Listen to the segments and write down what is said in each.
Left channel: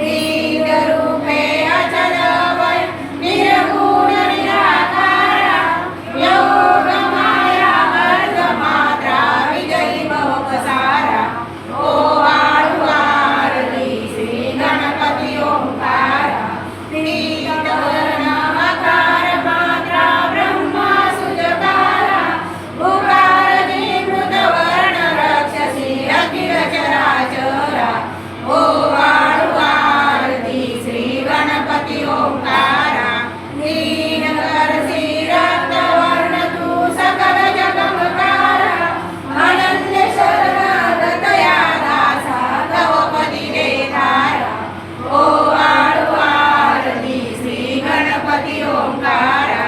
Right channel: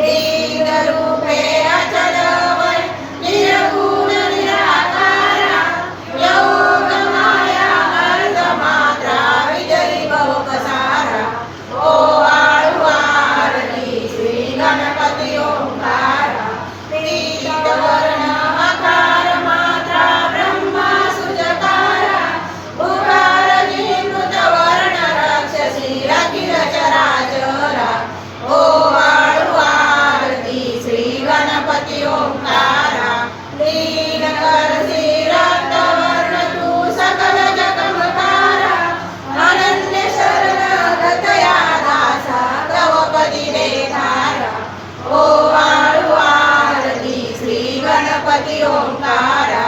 लीनरूपे अचल निर्गुण निराकारा योगमाया अर्धमात्रा विजयी बहुपसारा ओ वाळू आरती श्री गणपती ओंकारा पीतवर्ण आकार मात्रा ब्रह्मा सुजकारा उकार जीमृत वर्ण राक्षसी अखिल चराचरा ओ वाळू आरती श्री गणपती ओंकारा लीनकरसी रक्तवर्ण तू सकल जगमकारा अनन्य शरणगत या दासा गवपती देधारा ओ वाळू आरती श्री गणपती ओंकारा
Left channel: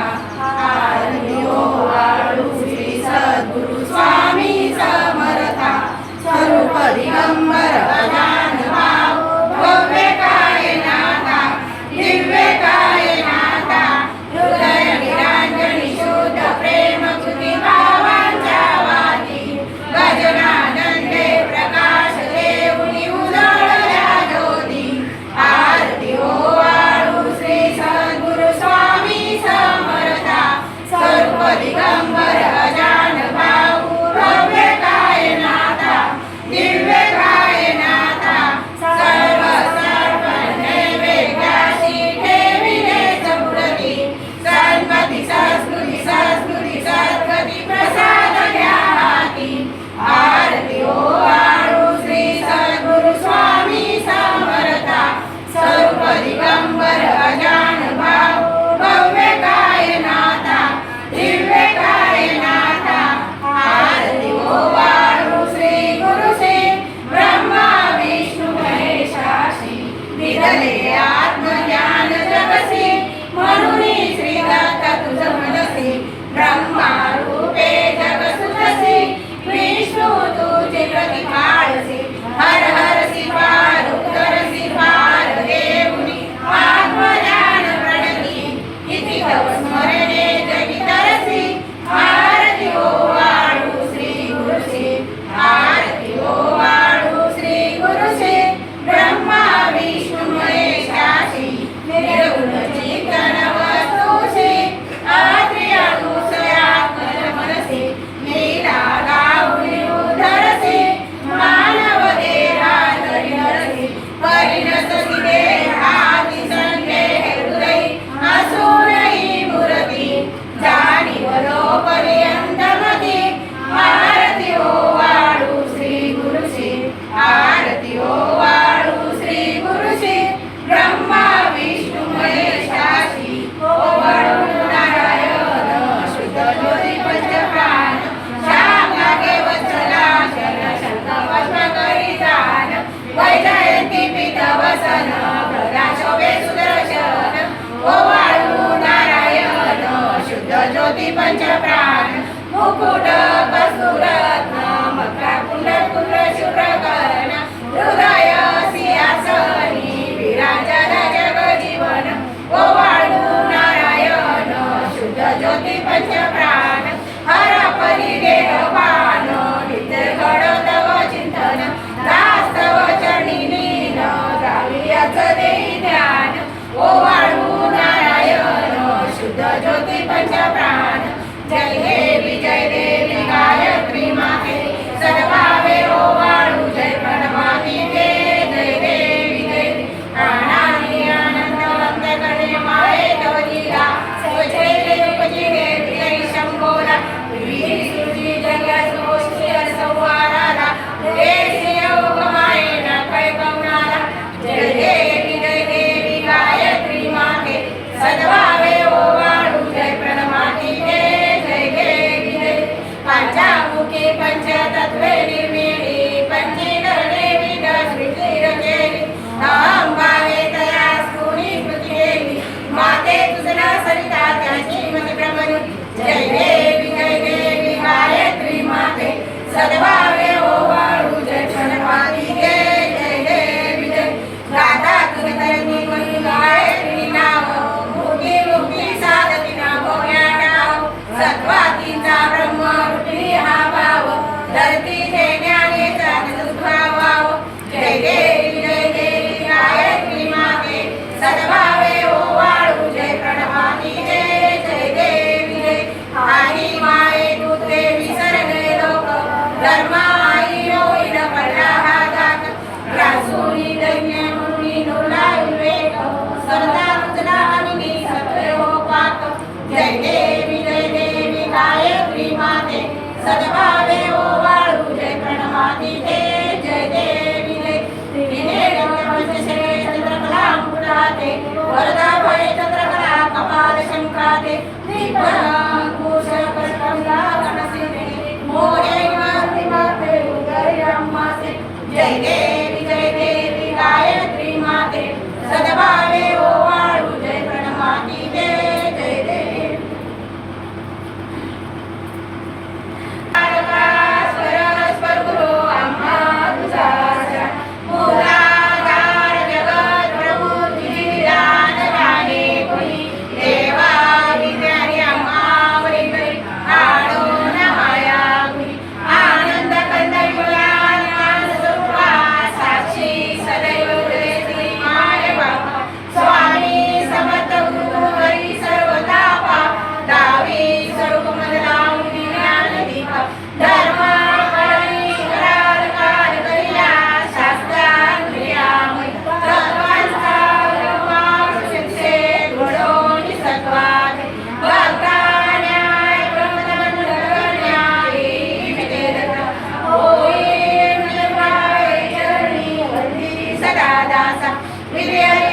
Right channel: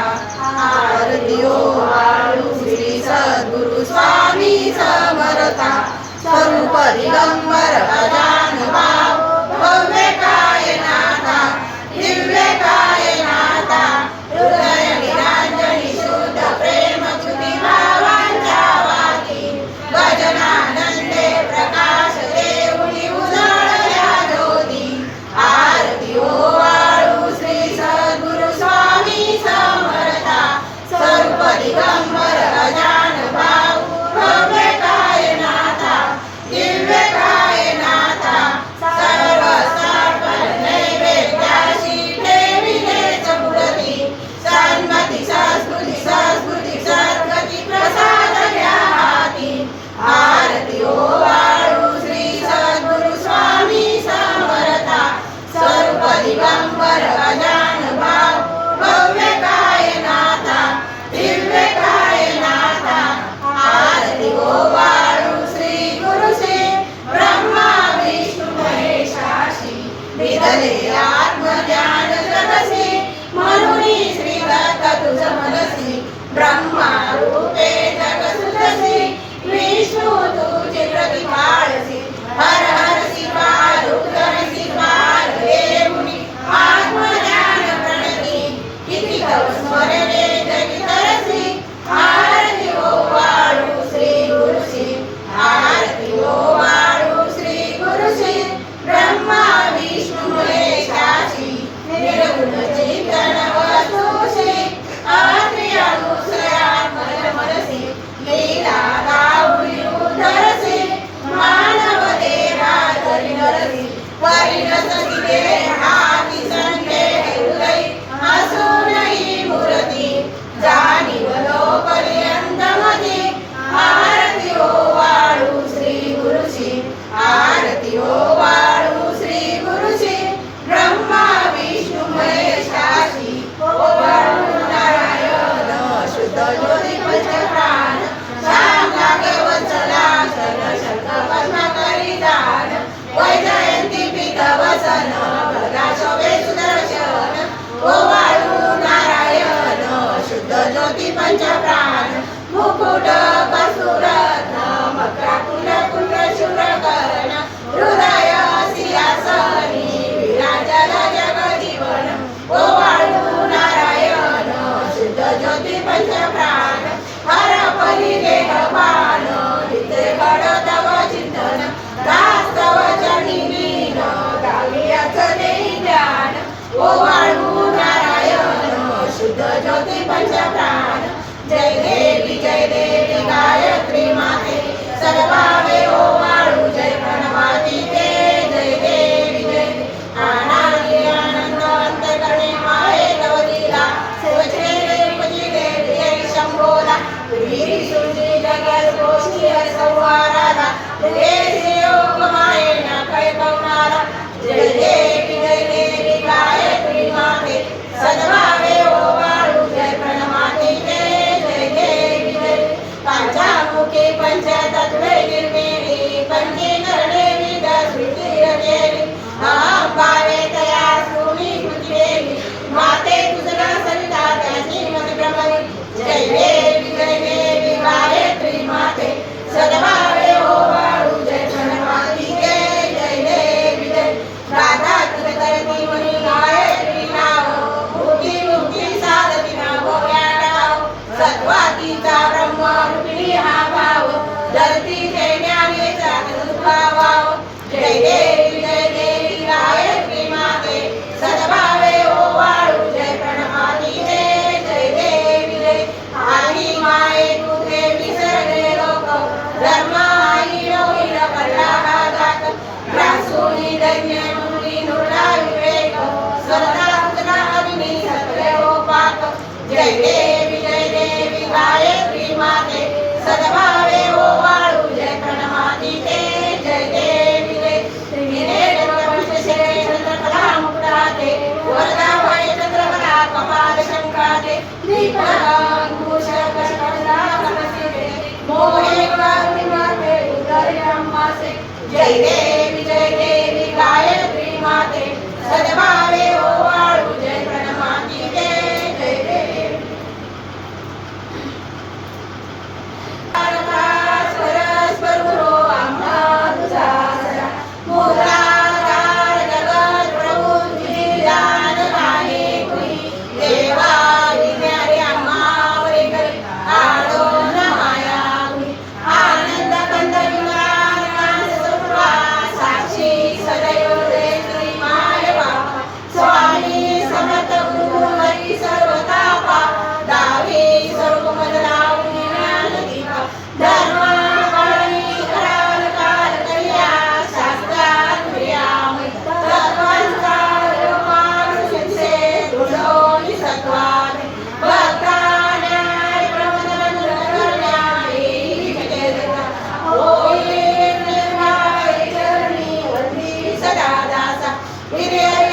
आरती ओ वाळू श्री सद्गुरु स्वामी समर्था स्वरूप दिगंबर अजान भाव भव्य कायनाथा दिव्य कायनाथा हृदय निरांजनी शुद्ध प्रेम च्युती भावांच्या वाती भजनानंदे प्रकाश देऊनी उजळल्या ज्योती आरती ओ वाळू श्री सद्गुरु स्वामी समर्था स्वरूप दिगंबर अजान भाव भव्य कायनाथा दिव्य कायनाथा सर्व साकार नैवेद्याशी ठेविले चपुरती सन्मती संस्कृती सद्गती प्रसाद घ्या हाती आरती ओ वाळू श्री सद्गुरु स्वामी समर्था स्वरूप दिगंबर अजान भाव भव्य कायनाथा दिव्य कायनाथा आरती ओ वाळू श्री गुरु श्री ब्रह्मा विष्णू महेशाशी विदले आत्मज्ञान जगसी म्हणून श्री दत्त तुझ मनसी ब्रह्मा रूपे जग सुखसी विष्णू तुझे प्रतिपाळसी हर हरसी पार उतरसी पार देऊनी आत्मज्ञान प्रणती किती तव स्मरणे जगी तरसी आरती ओ वाळू श्री गुरुशी आरती ओ वाळू श्री गुरुशी ब्रह्मा विष्णू महेशाशी निर्गुण चेतन वस्तुशी आत्रिया गुसयात्मज मनसी लीला गाऊनी उधरसी मानव देहा धरी हरसी परिणसती देहाती संदेह हृदयी असूनही मूर्ती जाणीव लोकपर्यंतमती आरती ओ वाळू श्री गुरुशी आरती ओ वाळू श्री गुरुशी ब्रह्मा विष्णू महेशाशी ओ वाळू नारायण शुद्ध ज्योती पंचप्राण श्याम लागे वत्सला शरण शंख भस्म करी दान वैजयंती पीत वसन प्रगा शोभे सुदर्शन ओ वाळू नारायण शुद्ध ज्योती पंचप्राण मुकुट कस्तुरत्न मकरा कुंड कुंड शुभ्रकर्ण हृदय सिंहासनी विराजल जग जीवन ओ वाळू नारायण शुद्ध ज्योती पंचप्राण हर परी देह पान नित्य घडतव चिंतन दास्तव चरणी लीन गावियाच देई ध्यान ओ वाळू नारायण शुद्ध ज्योती पंचप्राण जय देवी गा विद्येत